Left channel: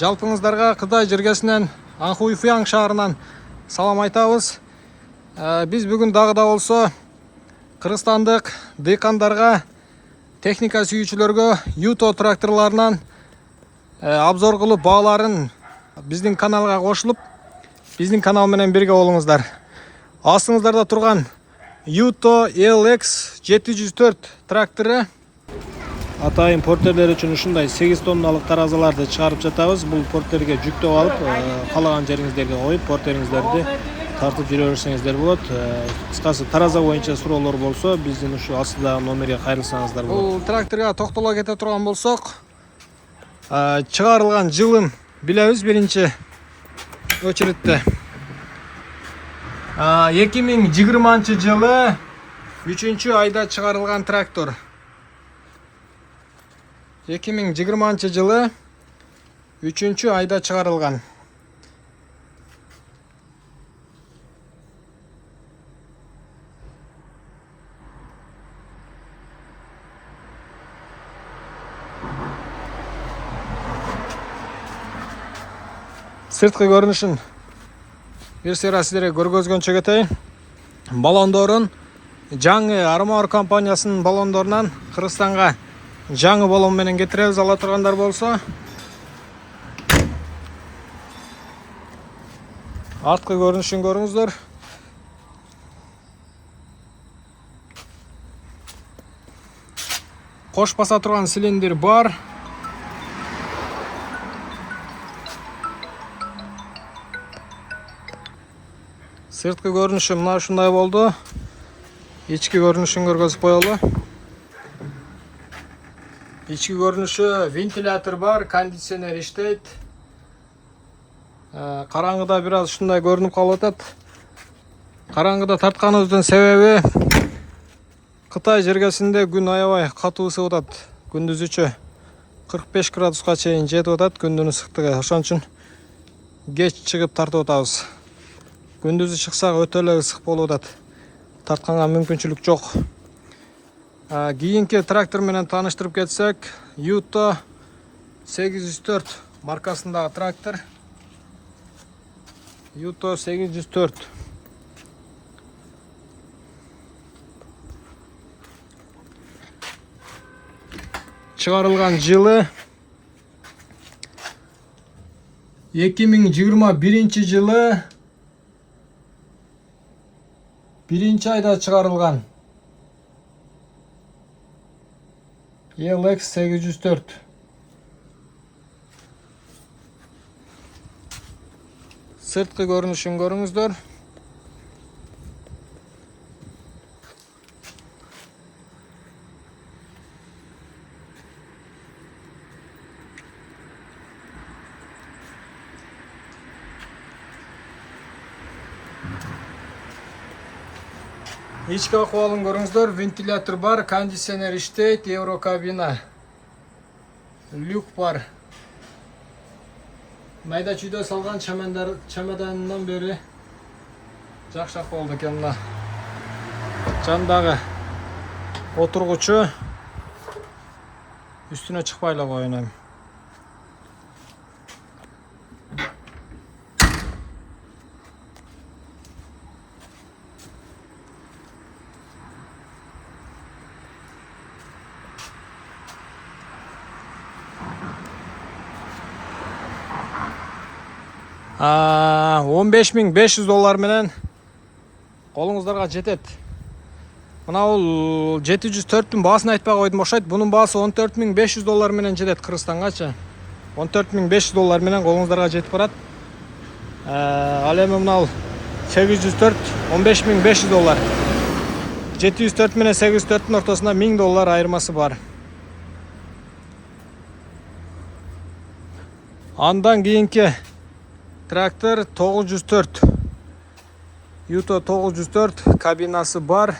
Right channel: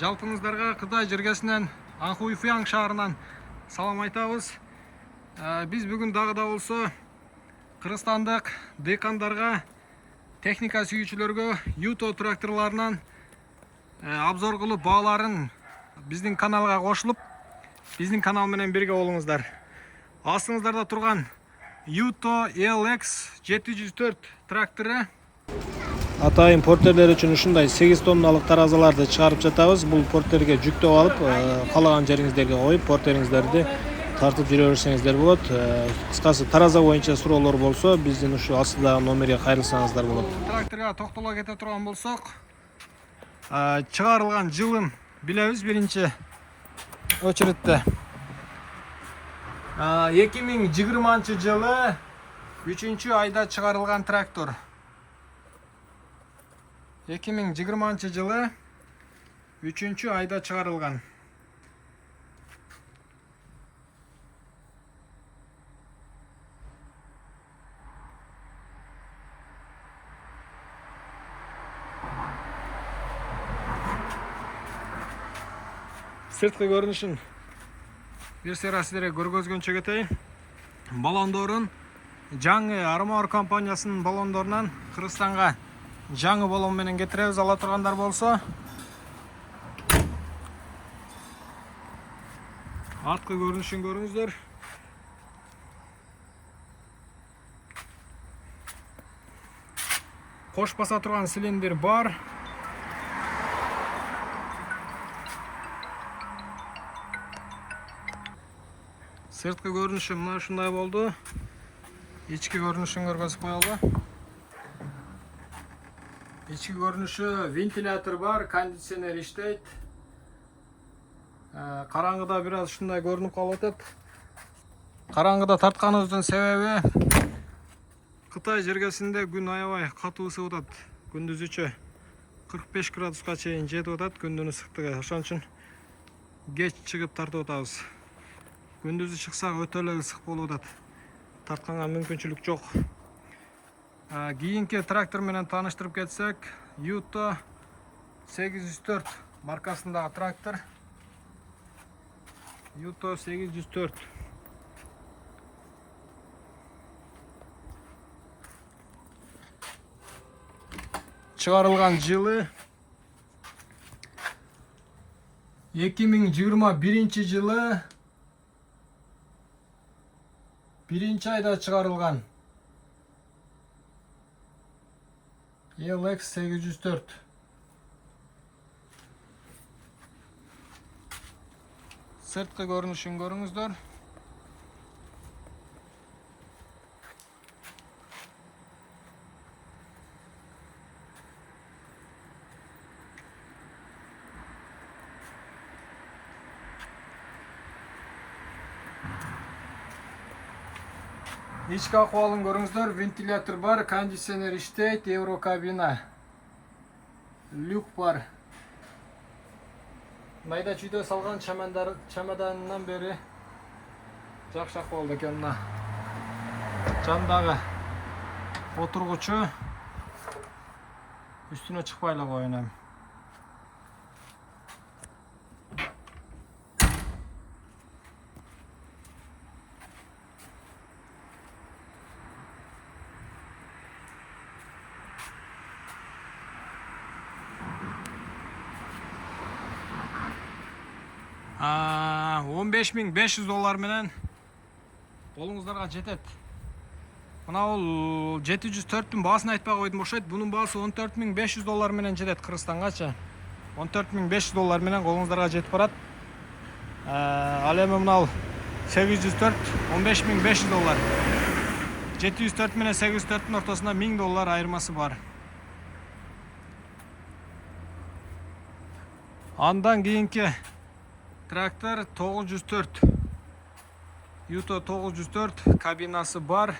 Жалпыңыздарга Кытай жергесинен Анхуйфуян шаарынан салам айтабыз. Биз бүгүн дагы да болсо Кыргызстандык дыйкандарга, техника сүйүүчүлөргө Юто тракторларынан обзор кылып бааларын биздин каналга кошулуп, биздин канал менен бирге болуңуздар. Астыңыздарда турган Юто LX 704 трактору. Атайын портерлер үчүн ушундай 8 тонналык таразаларды чыгарып жатабыз. Бул портерге жүктөп алып, каалаган жериңиздерге коюп, портериңиздерди тартып жүрө берсеңиздер болот. Кыскасы тараза боюнча суроолор болсо, биздин ушу астыдагы номерге кайрылсаңыздар болот. Бул тракторго токтоло кете турган болсок, чыгарылган жылын билебиз биринчи очередте. 2020 жылы 3 айда чыгарылган трактор. 2020 жылы 3 айда чыгарылган. Сырткы көрүнүшүн бир сыйра сиздерге көргөзгөнчө кетейин. Балондорун жаңы Армор компаниясынын балондорунан Кыргызстанга жаңы балон менен кетиребиз. Ала тургандар болсо, арткы көрүнүшүн көрүңүздөр. Кош баса турган цилиндр бар. Сырткы көрүнүшү мына ушундай болду. Ички көрүнүшүн көргөзүп коелу. Ички көрүнүшү, вентилятор бар, кондиционер иштейт. Караңгыда бир аз ушундай көрүнүп калып атат. Караңгыда тартканыбыздын себеби Кытай жергесинде күн аябай катуу ысып атат. Күндүзүчө 45 градуска чейин жетип атат күндүн ысыктыгы. Ошон үчүн кеч чыгып тартып атабыз. Күндүзү чыксак өтө эле ысык болуп атат. Тартканга мүмкүнчүлүк жок. Кийинки трактор менен тааныштырып кетсек, Юто 804 маркасындагы трактор. Юто 804. Чыгарылган жылы 2021 жылы 1 айда чыгарылган. LX 804. Сырткы көрүнүшүн көрүңүздөр. Ички акыбалын көрүңүздөр. Вентилятор бар, кондиционер иштейт, еврокабина. Люк бар. Майда чүйдө салган чемоданынан бери жакшы акыбалда экен. Мына жандагы отургучу үстүнө чыкпай эле коюн эми. $15.500 менен колуңуздарга жетет. Мына бул 704-түн баасын айтпай койдум окшойт. Бунун баасы $14.500 менен жетет Кыргызстангачы. $14.500 менен колуңуздарга жетип барат. Ал эми мына 804 $15.500. 704 менен 804-түн ортосунда $1000 айырмасы бар. Андан кийинки трактор 904. Юто 904 кабинасы бар.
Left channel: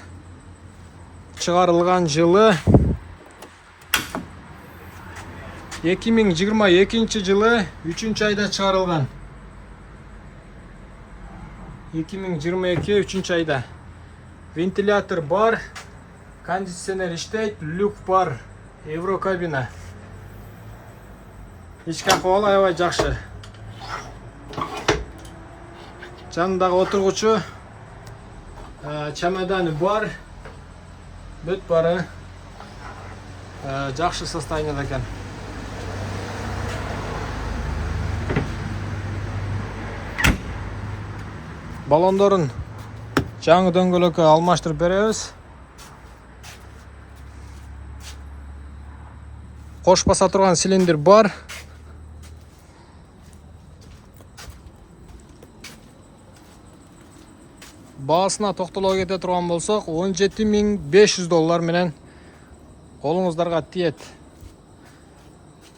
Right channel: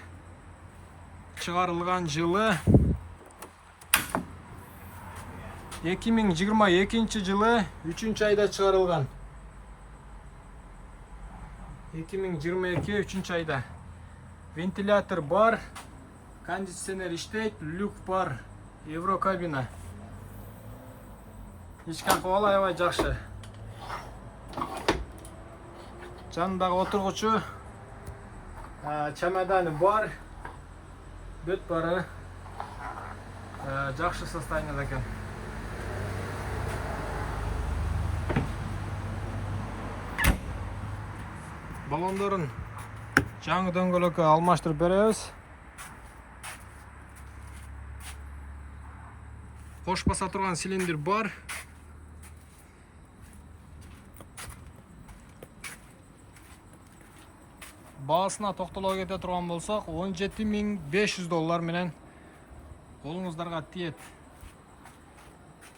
Чыгарылган жылы 2022 жылы 3 айда чыгарылган. 2022 3 айда. Вентилятор бар, кондиционер иштейт, люк бар, еврокабина. ички акыбалы аябай жакшы. Жанындагы отургучу чемоданы бар. Бүт бары жакшы состояниеде экен. Балондорун жаңы дөңгөлөккө алмаштырып беребиз. Кош баса турган цилиндр бар. Баасына токтоло кете турган болсок, $17.500 менен колуңуздарга тиет.